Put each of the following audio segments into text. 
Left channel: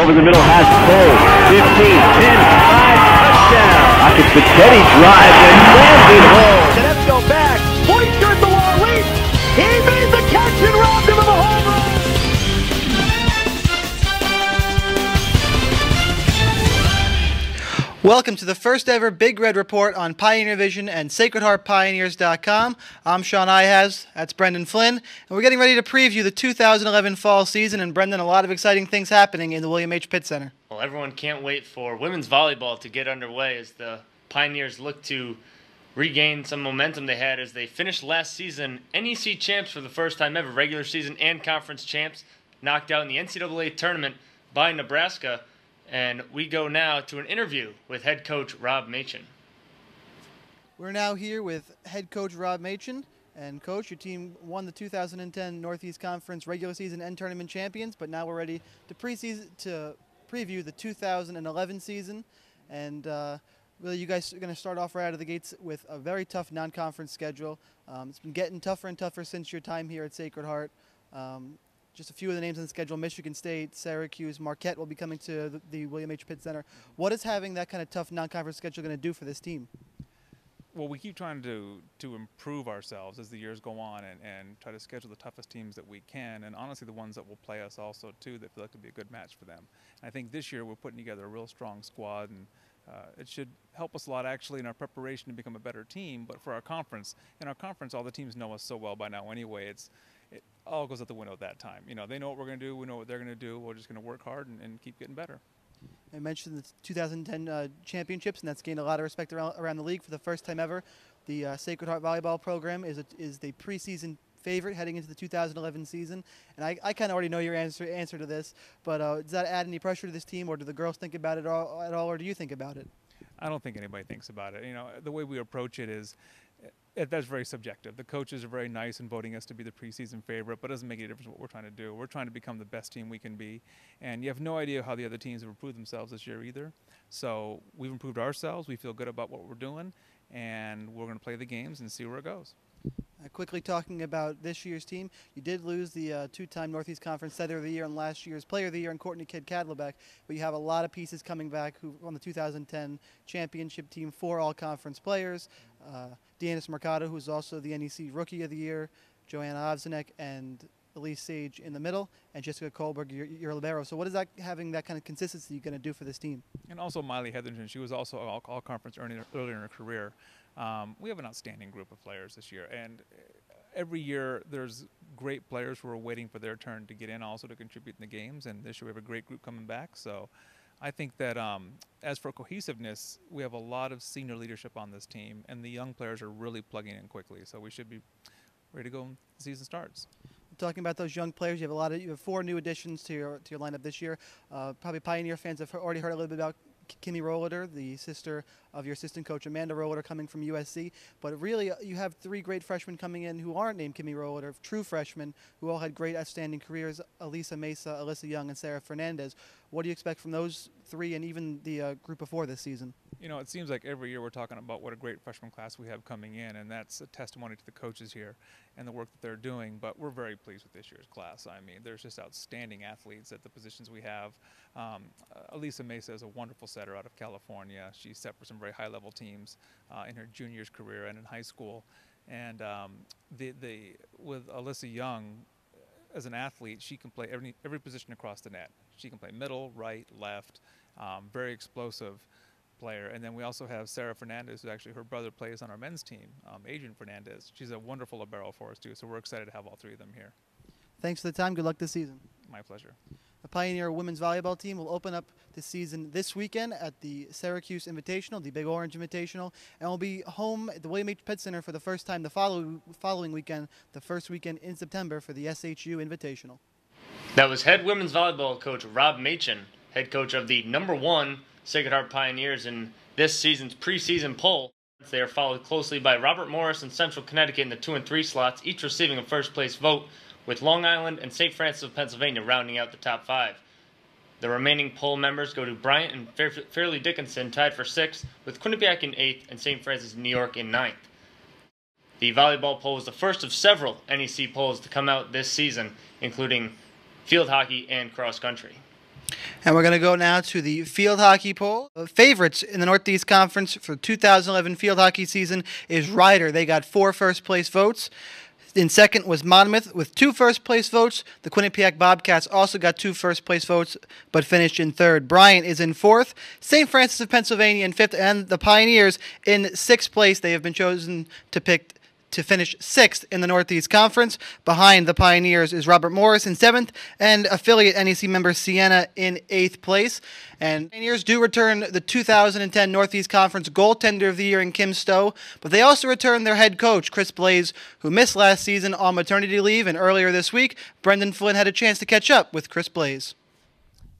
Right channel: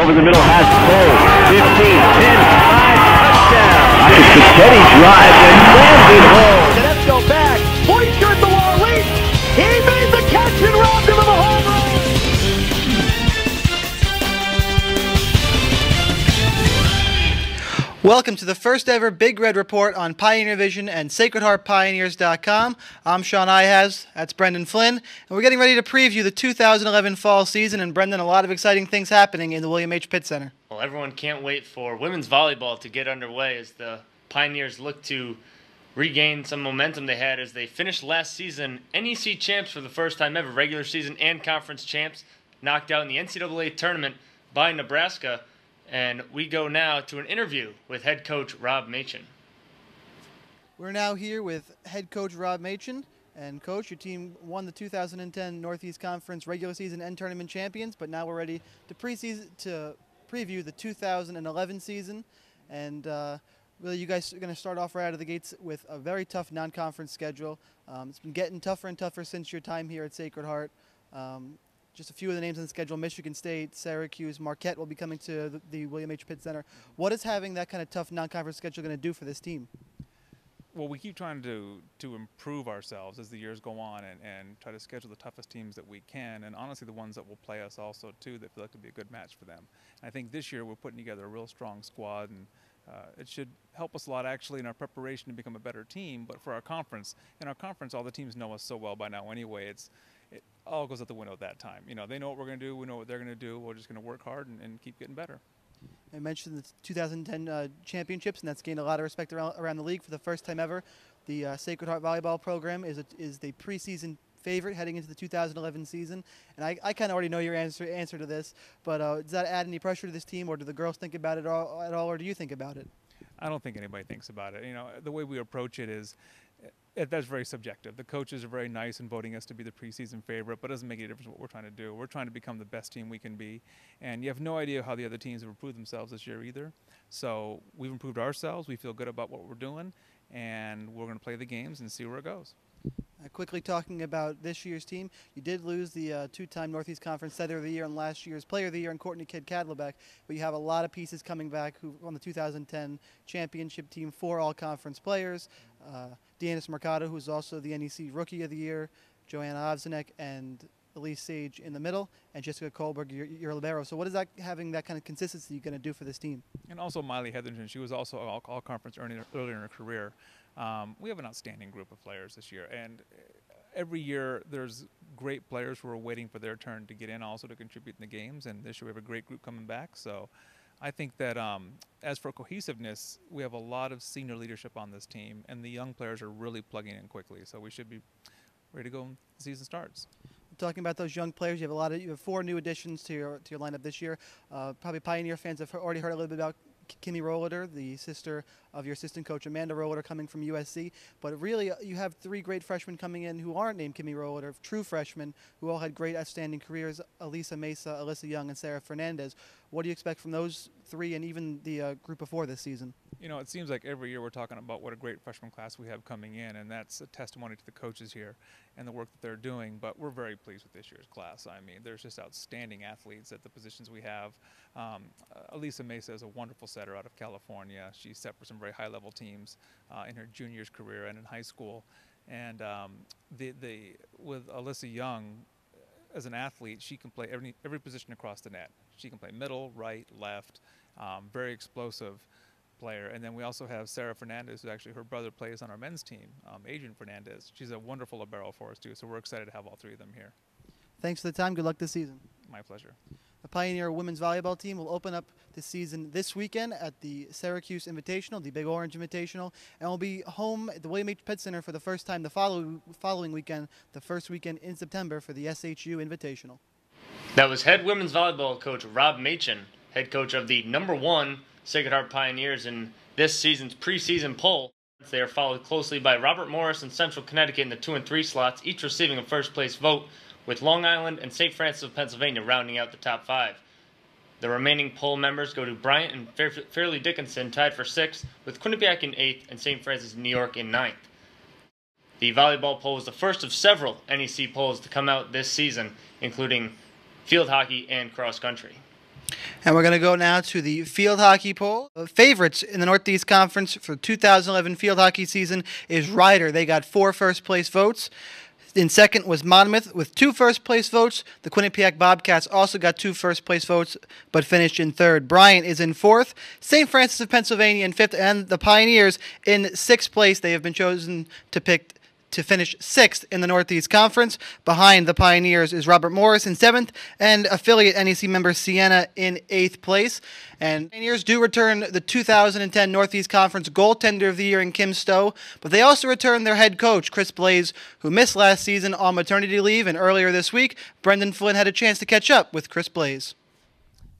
Over the middle has Stow. 15, 10, 5, touchdown. Rockets the steady drive and slams it home. Tedesco back. Hoister at the wall, leap. He made the catch and robbed him of a home run. Welcome to the first ever Big Red Report on Pioneer Vision and SacredHeartPioneers.com. I'm Sean Ihaz, that's Brendan Flynn, and we're getting ready to preview the 2011 fall season. And Brendan, a lot of exciting things happening in the William H. Pitt Center. Well, everyone can't wait for women's volleyball to get underway as the Pioneers look to regain some momentum they had as they finished last season NEC champs for the first time ever, regular season and conference champs, knocked out in the NCAA tournament by Nebraska. And we go now to an interview with head coach Rob Machan. We're now here with head coach Rob Machan. And coach, your team won the 2010 Northeast Conference regular season and tournament champions, but now we're ready to preview the 2011 season. And really, you guys are going to start off right out of the gates with a very tough non-conference schedule. It's been getting tougher and tougher since your time here at Sacred Heart. Just a few of the names on the schedule: Michigan State, Syracuse, Marquette will be coming to the William H. Pitt Center. What is having that kind of tough non-conference schedule going to do for this team? Well, we keep trying to improve ourselves as the years go on and try to schedule the toughest teams that we can, and honestly the ones that will play us also too, that feel like to be a good match for them. And I think this year we're putting together a real strong squad, and it should help us a lot actually in our preparation to become a better team. But for our conference, all the teams know us so well by now anyway. It all goes out the window at that time. You know, they know what we're going to do. We know what they're going to do. We're just going to work hard and keep getting better. I mentioned the 2010 championships, and that's gained a lot of respect around the league for the first time ever. The Sacred Heart volleyball program is the preseason favorite heading into the 2011 season. And I kind of already know your answer to this, but does that add any pressure to this team, or do the girls think about it at all, or do you think about it? I don't think anybody thinks about it. You know, the way we approach it is, that's very subjective. The coaches are very nice in voting us to be the preseason favorite, but it doesn't make any difference what we're trying to do. We're trying to become the best team we can be, and you have no idea how the other teams have improved themselves this year either. So we've improved ourselves. We feel good about what we're doing, and we're going to play the games and see where it goes. Quickly talking about this year's team, you did lose the two-time Northeast Conference Setter of the Year and last year's Player of the Year in Courtney Kidd-Cadlebeck, but you have a lot of pieces coming back who on the 2010 championship team, 4 all-conference players. Deanna Mercado, who's also the NEC Rookie of the Year, Joanna Ovsenek, and Elise Sage in the middle, and Jessica Kohlberg, your libero. So what is that, having that kind of consistency, going to do for this team? And also Miley Hetherington, she was also all-conference earlier in her career. We have an outstanding group of players this year, and every year there's great players who are waiting for their turn to get in also to contribute in the games, and this year we have a great group coming back. So I think that as for cohesiveness, we have a lot of senior leadership on this team, and the young players are really plugging in quickly, so we should be ready to go when the season starts. Talking about those young players, you have 4 new additions to your lineup this year. Probably Pioneer fans have already heard a little bit about Kimmy Rohleder, the sister of your assistant coach Amanda Rohleder, coming from USC. But really, you have 3 great freshmen coming in who aren't named Kimmy Rohleder, true freshmen who all had great, outstanding careers: Elisa Mesa, Alyssa Young, and Sarah Fernandez. What do you expect from those 3 and even the group before this season? You know, it seems like every year we're talking about what a great freshman class we have coming in, and that's a testimony to the coaches here and the work that they're doing. But we're very pleased with this year's class. I mean, there's just outstanding athletes at the positions we have. Elisa Mesa is a wonderful setter out of California. She's set for some very high-level teams in her junior's career and in high school. And with Alyssa Young, as an athlete, she can play every position across the net. She can play middle, right, left, very explosive player. And then we also have Sarah Fernandez, who actually her brother plays on our men's team, Adrian Fernandez. She's a wonderful libero for us too, so we're excited to have all 3 of them here. Thanks for the time. Good luck this season. My pleasure. The Pioneer women's volleyball team will open up the season this weekend at the Syracuse Invitational, the Big Orange Invitational, and will be home at the William H. Pitt Center for the first time the following weekend, the first weekend in September, for the SHU Invitational. That was head women's volleyball coach Rob Machan, head coach of the #1 Sacred Heart Pioneers in this season's preseason poll. They are followed closely by Robert Morris and Central Connecticut in the 2 and 3 slots, each receiving a first-place vote, with Long Island and St. Francis of Pennsylvania rounding out the top 5. The remaining poll members go to Bryant and Fairleigh Dickinson, tied for 6th, with Quinnipiac in 8th and St. Francis, New York in 9th. The volleyball poll is the first of several NEC polls to come out this season, including field hockey and cross country. And we're going to go now to the field hockey poll. Favorites in the Northeast Conference for 2011 field hockey season is Ryder. They got 4 first-place votes. In second was Monmouth with 2 first-place votes. The Quinnipiac Bobcats also got 2 first-place votes, but finished in third. Bryant is in fourth. St. Francis of Pennsylvania in fifth, and the Pioneers in sixth place. They have been chosen to finish sixth in the Northeast Conference. Behind the Pioneers is Robert Morris in seventh, and affiliate NEC member Siena in eighth place. And Pioneers do return the 2010 Northeast Conference Goaltender of the Year in Kim Stow, but they also return their head coach, Chris Blais, who missed last season on maternity leave, and earlier this week, Brendan Flynn had a chance to catch up with Chris Blais.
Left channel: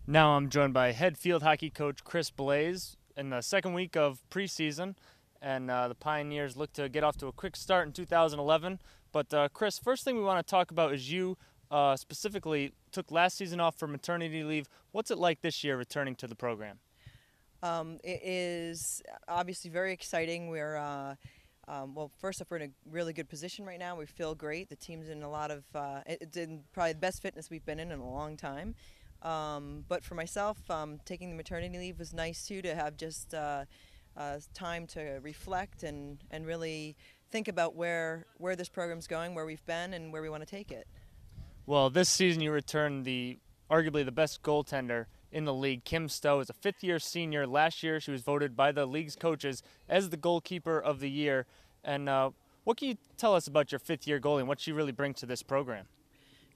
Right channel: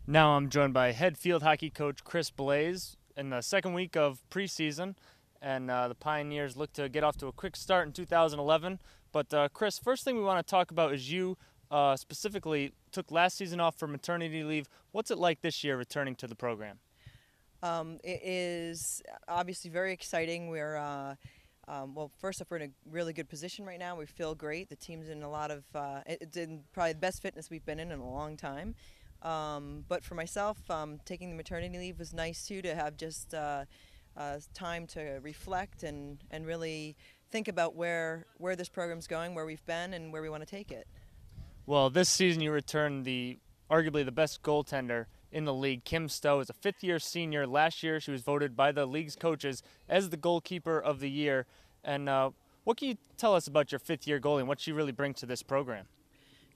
Now I'm joined by head field hockey coach Chris Blais in the second week of preseason. And the Pioneers look to get off to a quick start in 2011. But Chris, first thing we want to talk about is you specifically took last season off for maternity leave. What's it like this year returning to the program? It is obviously very exciting. We're well, first off, we're in a really good position right now. We feel great. The team's in a lot of it's in probably the best fitness we've been in a long time. But for myself, taking the maternity leave was nice too, to have just time to reflect and really think about where this program's going, where we've been, and where we want to take it. Well, this season you returned arguably the best goaltender in the league. Kim Stow is a fifth-year senior. Last year she was voted by the league's coaches as the goalkeeper of the year. And what can you tell us about your fifth-year goalie and what she really brings to this program?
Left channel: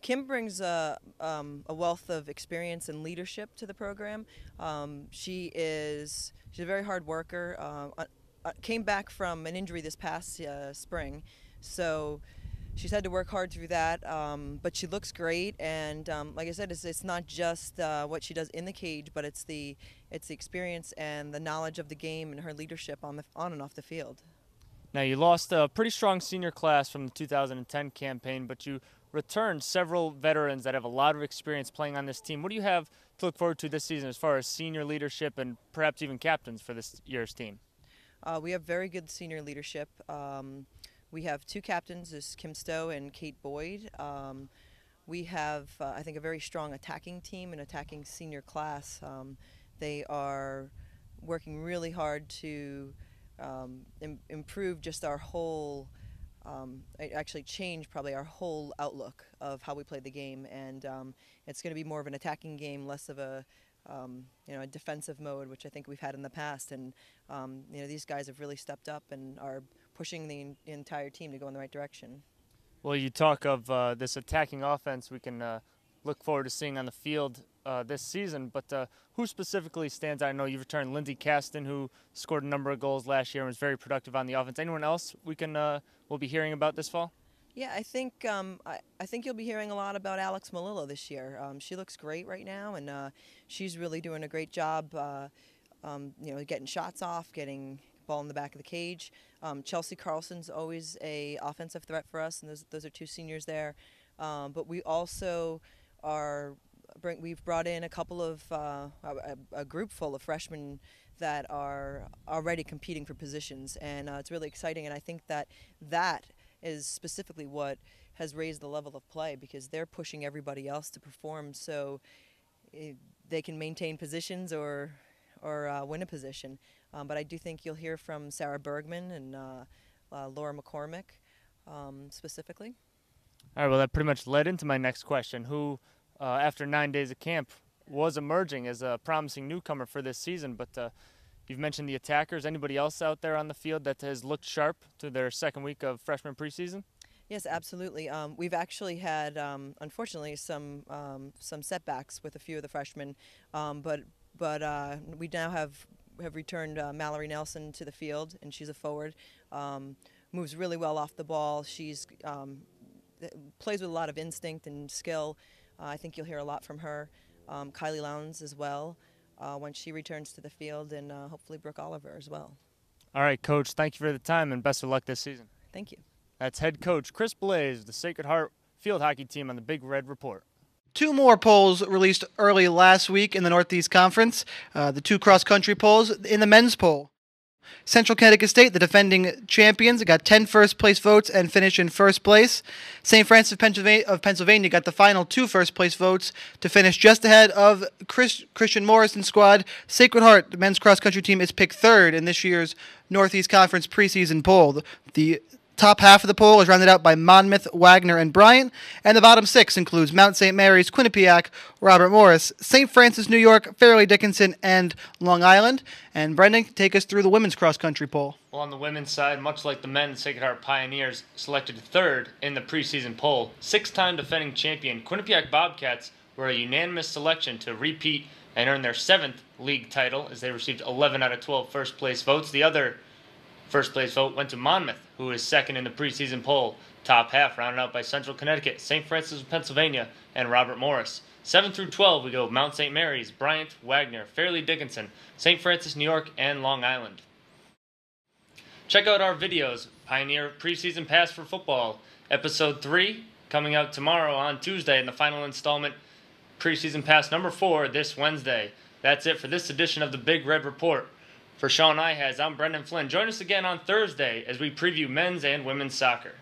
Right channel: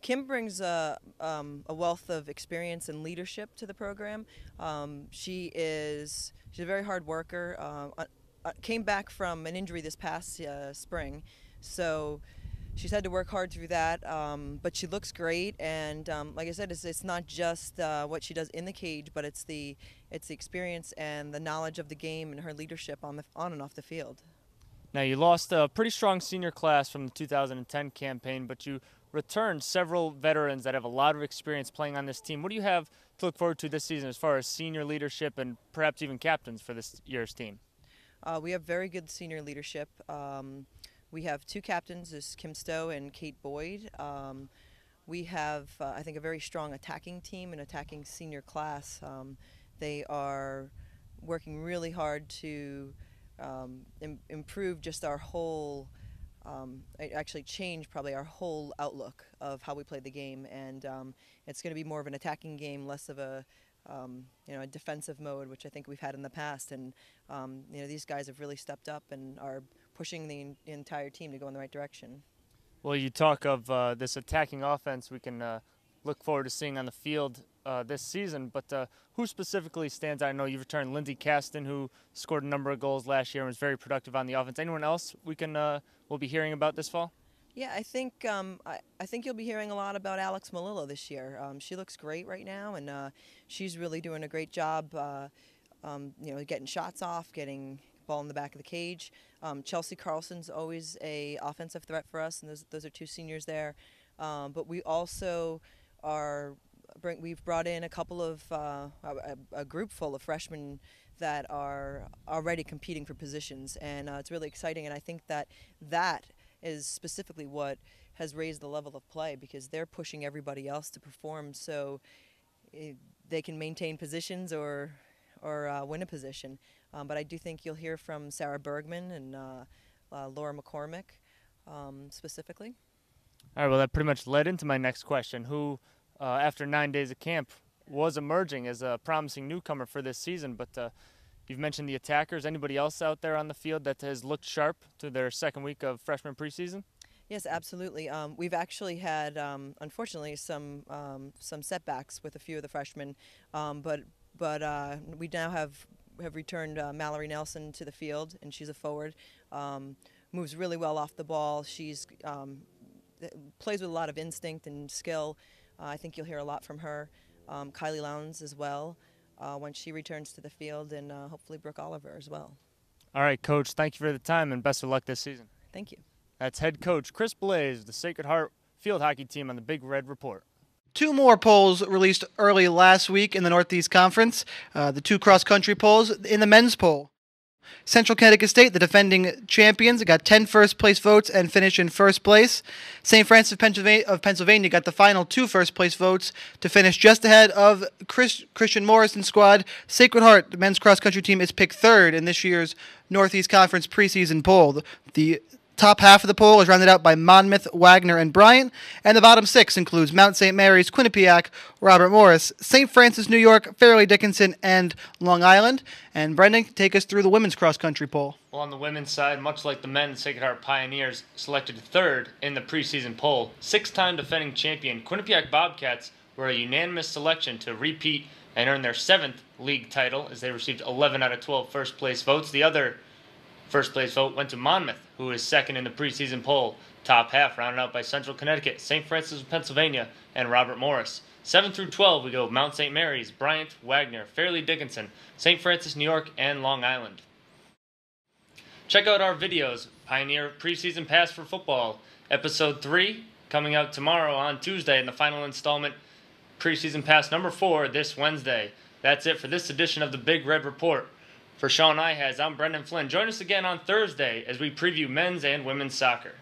Kim brings a wealth of experience and leadership to the program. She's a very hard worker. Came back from an injury this past spring, so she's had to work hard through that. But she looks great, and like I said, it's not just what she does in the cage, but it's the experience and the knowledge of the game and her leadership on and off the field. Now, you lost a pretty strong senior class from the 2010 campaign, but you returned several veterans that have a lot of experience playing on this team. What do you have to look forward to this season as far as senior leadership and perhaps even captains for this year's team? We have very good senior leadership. We have 2 captains, there's Kim Stow and Kate Boyd. We have, I think, a very strong attacking team and attacking senior class. They are working really hard to improve just our whole, actually change probably our whole outlook of how we play the game, and it's going to be more of an attacking game, less of a a defensive mode, which I think we've had in the past. And these guys have really stepped up and are pushing the entire team to go in the right direction. Well, you talk of this attacking offense we can look forward to seeing on the field this season, but who specifically stands out? I know you've returned Lindsey Caston, who scored a number of goals last year and was very productive on the offense. Anyone else we'll be hearing about this fall? Yeah, I think you'll be hearing a lot about Alex Malillo this year. She looks great right now, and she's really doing a great job. Getting shots off, getting ball in the back of the cage. Chelsea Carlson's always a offensive threat for us, and those are 2 seniors there. But we also we've brought in a couple of a group full of freshmen that are already competing for positions, and it's really exciting. And I think that is specifically what has raised the level of play, because they're pushing everybody else to perform so they can maintain positions or win a position. But I do think you'll hear from Sarah Bergman and Laura McCormick specifically. All right, well, that pretty much led into my next question. Who, after 9 days of camp, was emerging as a promising newcomer for this season, but you've mentioned the attackers. Anybody else out there on the field that has looked sharp to their second week of freshman preseason? Yes, absolutely. We've actually had, unfortunately, some setbacks with a few of the freshmen, but we now have returned Mallory Nelson to the field, and she's a forward. Moves really well off the ball. She's plays with a lot of instinct and skill. I think you'll hear a lot from her. Kylie Lowndes as well. When she returns to the field, and hopefully Brooke Oliver as well. All right, Coach, thank you for the time, and best of luck this season. Thank you. That's head coach Chris Blais, the Sacred Heart field hockey team on the Big Red Report. 2 more polls released early last week in the Northeast Conference, the 2 cross-country polls in the men's poll. Central Connecticut State, the defending champions, got 10 first-place votes and finished in first place. St. Francis of Pennsylvania got the final 2 first-place votes to finish just ahead of Christian Morrison's squad. Sacred Heart, the men's cross-country team, is picked 3rd in this year's Northeast Conference preseason poll. The top half of the poll is rounded out by Monmouth, Wagner, and Bryant, and the bottom 6 includes Mount St. Mary's, Quinnipiac, Robert Morris, St. Francis, New York, Fairleigh Dickinson, and Long Island. And Brendan, take us through the women's cross-country poll. Well, on the women's side, much like the men's, Sacred Heart Pioneers selected 3rd in the preseason poll. 6-time defending champion Quinnipiac Bobcats were a unanimous selection to repeat and earn their 7th league title as they received 11 out of 12 first-place votes. The other first-place vote went to Monmouth, who is 2nd in the preseason poll. Top half rounded out by Central Connecticut, St. Francis of Pennsylvania, and Robert Morris. 7 through 12, we go Mount St. Mary's, Bryant, Wagner, Fairleigh Dickinson, St. Francis, New York, and Long Island. Check out our videos, Pioneer Preseason Pass for Football, Episode 3, coming out tomorrow on Tuesday, and the final installment, Preseason Pass number 4, this Wednesday. That's it for this edition of the Big Red Report. For Sean Ihaz, I'm Brendan Flynn. Join us again on Thursday as we preview men's and women's soccer.